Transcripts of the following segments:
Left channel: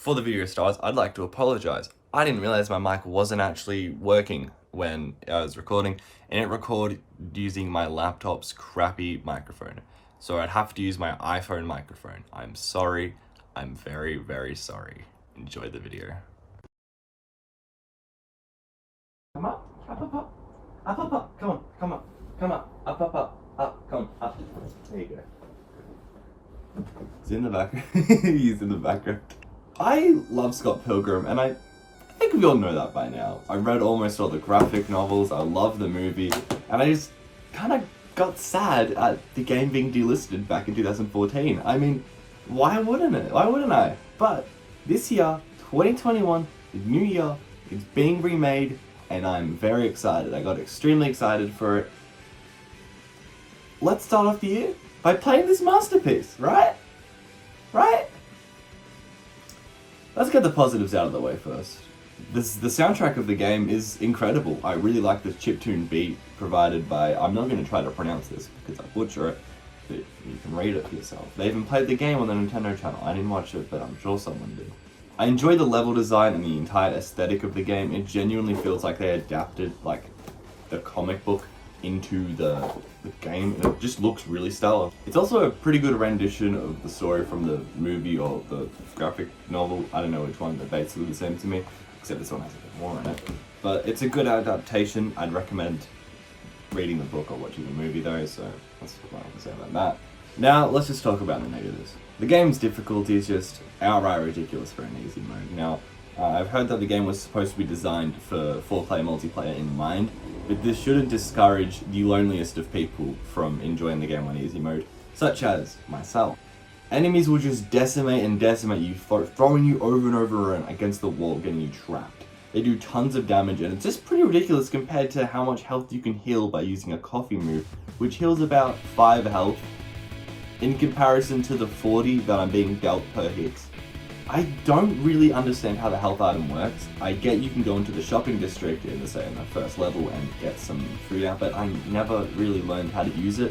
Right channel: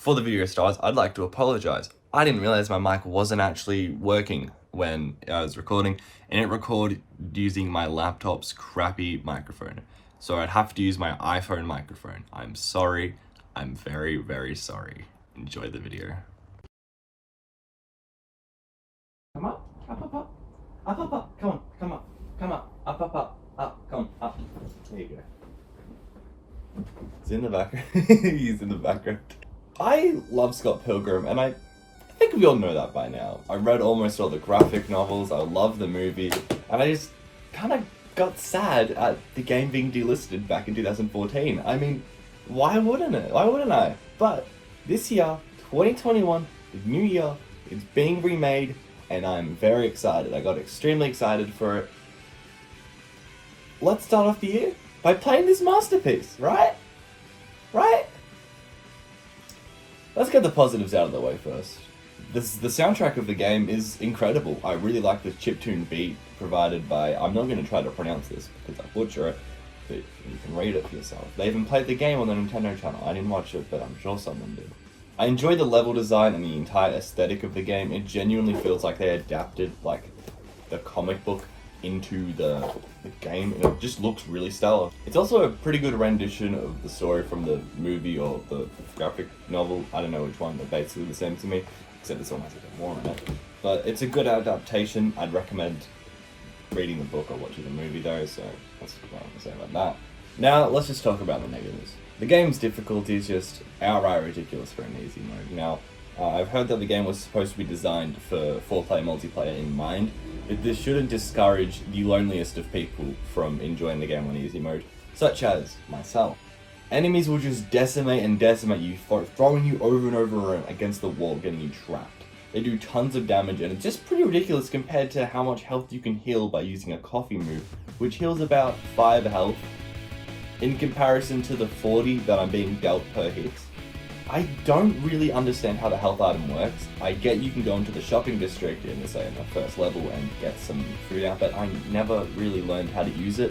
Before the video starts, I'd like to apologize. I didn't realize my mic wasn't actually working when I was recording, and it recorded using my laptop's crappy microphone. So I'd have to use my iPhone microphone. I'm sorry. I'm very, very sorry. Enjoy the video. Come up, up, up, up. Up, up, up. Come on, come up, come up, up, up, up, come up. There you go. It's in the background. He's in the background. I love Scott Pilgrim, and I think we all know that by now. I read almost all the graphic novels, I love the movie, and I just kind of got sad at the game being delisted back in 2014. I mean, why wouldn't it? Why wouldn't I? But this year, 2021, the new year, it's being remade, and I'm very excited. I got extremely excited for it. Let's start off the year by playing this masterpiece, right? Right? Let's get the positives out of the way first. The soundtrack of the game is incredible. I really like the chiptune beat provided by, I'm not going to try to pronounce this because I butcher it, but you can read it for yourself. They even played the game on the Nintendo channel. I didn't watch it, but I'm sure someone did. I enjoy the level design and the entire aesthetic of the game. It genuinely feels like they adapted like the comic book into the game, and it just looks really stellar. It's also a pretty good rendition of the story from the movie or the graphic novel. I don't know which one, they're basically the same to me, except this one has a bit more in it. But it's a good adaptation. I'd recommend reading the book or watching the movie though, so that's what I can say about that. Now, let's just talk about the negatives. The game's difficulty is just outright ridiculous for an easy mode. Now, I've heard that the game was supposed to be designed for 4-player multiplayer in mind, but this shouldn't discourage the loneliest of people from enjoying the game on easy mode, such as myself. Enemies will just decimate and decimate you, throwing you over and over against the wall, getting you trapped. They do tons of damage, and it's just pretty ridiculous compared to how much health you can heal by using a coffee move, which heals about 5 health, in comparison to the 40 that I'm being dealt per hit. I don't really understand how the health item works. I get you can go into the shopping district in the first level and get some food out, but I never really learned how to use it.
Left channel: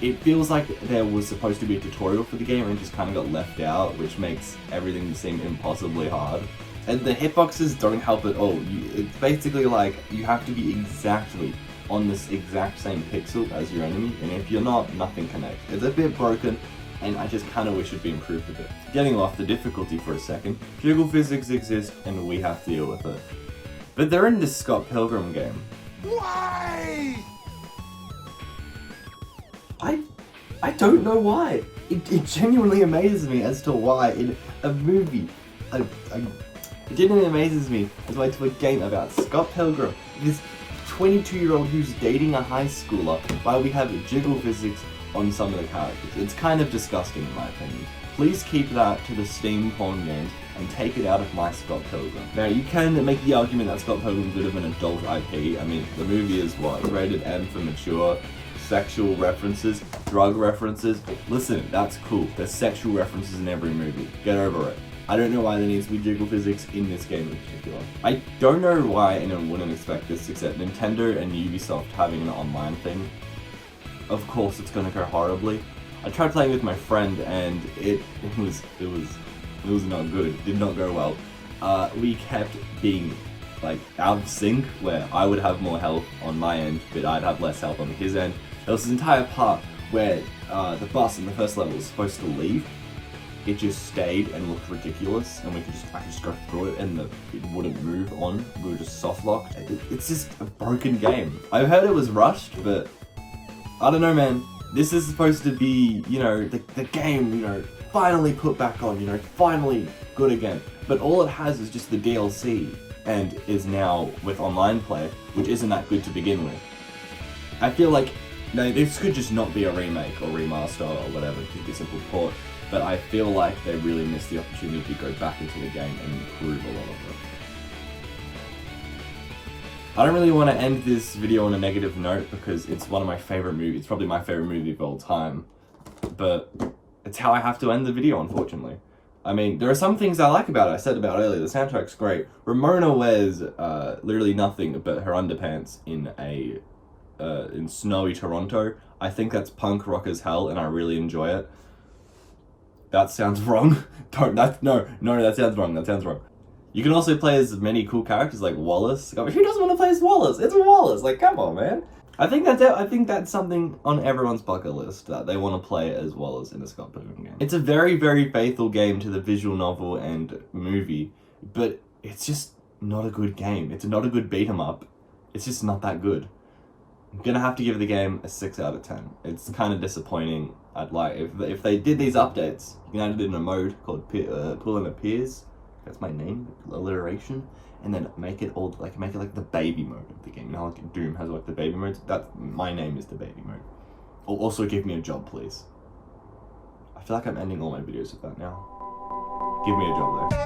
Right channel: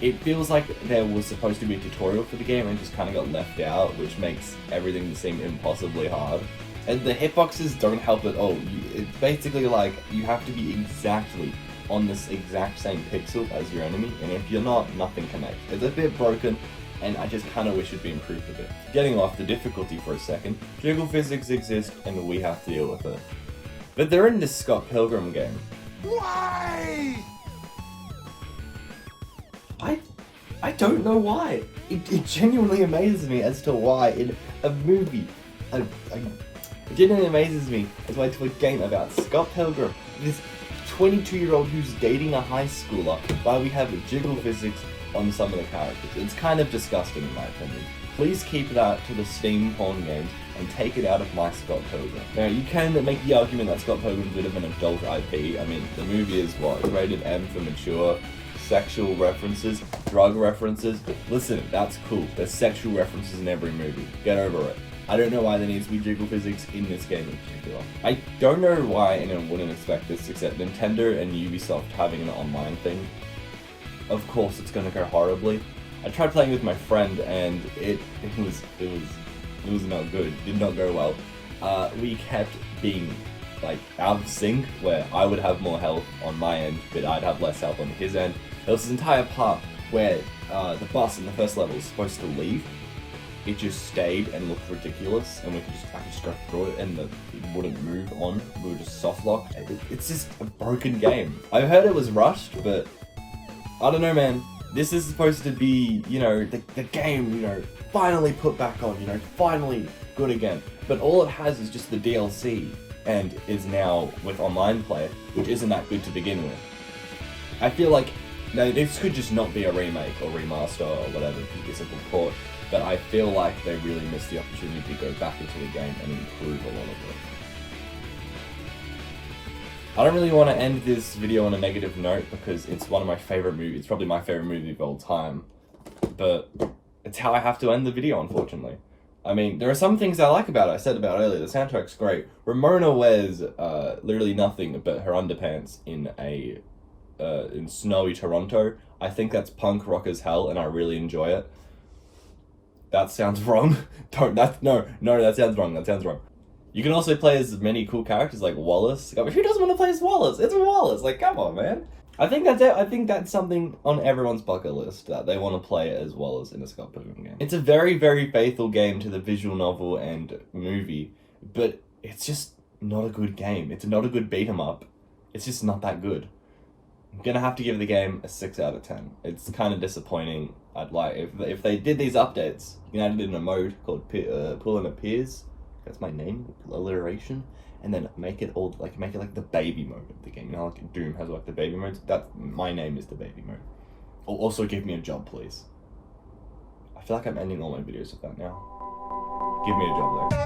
It feels like there was supposed to be a tutorial for the game and just kind of got left out, which makes everything seem impossibly hard. And the hitboxes don't help at all. It's basically like you have to be exactly on this exact same pixel as your enemy, and if you're not, nothing connects. It's a bit broken, and I just kind of wish it'd be improved a bit. Getting off the difficulty for a second, jiggle physics exist and we have to deal with it. But they're in this Scott Pilgrim game. Why? I don't know why. It genuinely amazes me as to why in a movie, it genuinely amazes me as why to a game about Scott Pilgrim, this 22-year-old who's dating a high schooler, why we have jiggle physics on some of the characters. It's kind of disgusting in my opinion. Please keep that to the Steam porn game and take it out of my Scott Pilgrim. Now you can make the argument that Scott Pilgrim is a bit of an adult IP. I mean, the movie is what? Rated M for mature, sexual references, drug references. Listen, that's cool. There's sexual references in every movie. Get over it. I don't know why there needs to be jiggle physics in this game in particular. I don't know why anyone wouldn't expect this except Nintendo and Ubisoft having an online thing. Of course it's gonna go horribly. I tried playing with my friend and it was not good. It did not go well. We kept being like out of sync, where I would have more health on my end, but I'd have less health on his end. There was this entire part where the bus in the first level was supposed to leave. It just stayed and looked ridiculous, and I could just go through it and it wouldn't move on. We were just soft locked. It's just a broken game. I heard it was rushed, but I don't know, man. This is supposed to be, you know, the game, you know, finally put back on, you know, finally good again. But all it has is just the DLC, and is now with online play, which isn't that good to begin with. I feel like, no, this could just not be a remake or remaster or whatever, it could be a simple port. But I feel like they really missed the opportunity to go back into the game and improve a lot of it. I don't really want to end this video on a negative note because it's one of my favorite movies. It's probably my favorite movie of all time. But it's how I have to end the video, unfortunately. I mean, there are some things I like about it. I said about it earlier, the soundtrack's great. Ramona wears literally nothing but her underpants in snowy Toronto. I think that's punk rock as hell, and I really enjoy it. That sounds wrong. Don't, no, that sounds wrong. That sounds wrong. You can also play as many cool characters like Wallace. I mean, who doesn't want to play as Wallace? It's Wallace. Like, come on, man. I think that's something on everyone's bucket list, that they want to play as Wallace in a Scott Pilgrim game. It's a very, very faithful game to the visual novel and movie, but it's just not a good game. It's not a good beat 'em up. It's just not that good. I'm gonna have to give the game a 6 out of 10. It's kind of disappointing. I'd like if they did these updates, you can add it in a mode called Pulling Appears. That's my name, alliteration, and then make it like the baby mode of the game. You know, like Doom has like the baby modes. That's my name is the baby mode. Also, give me a job, please. I feel like I'm ending all my videos with that now. Give me a job there.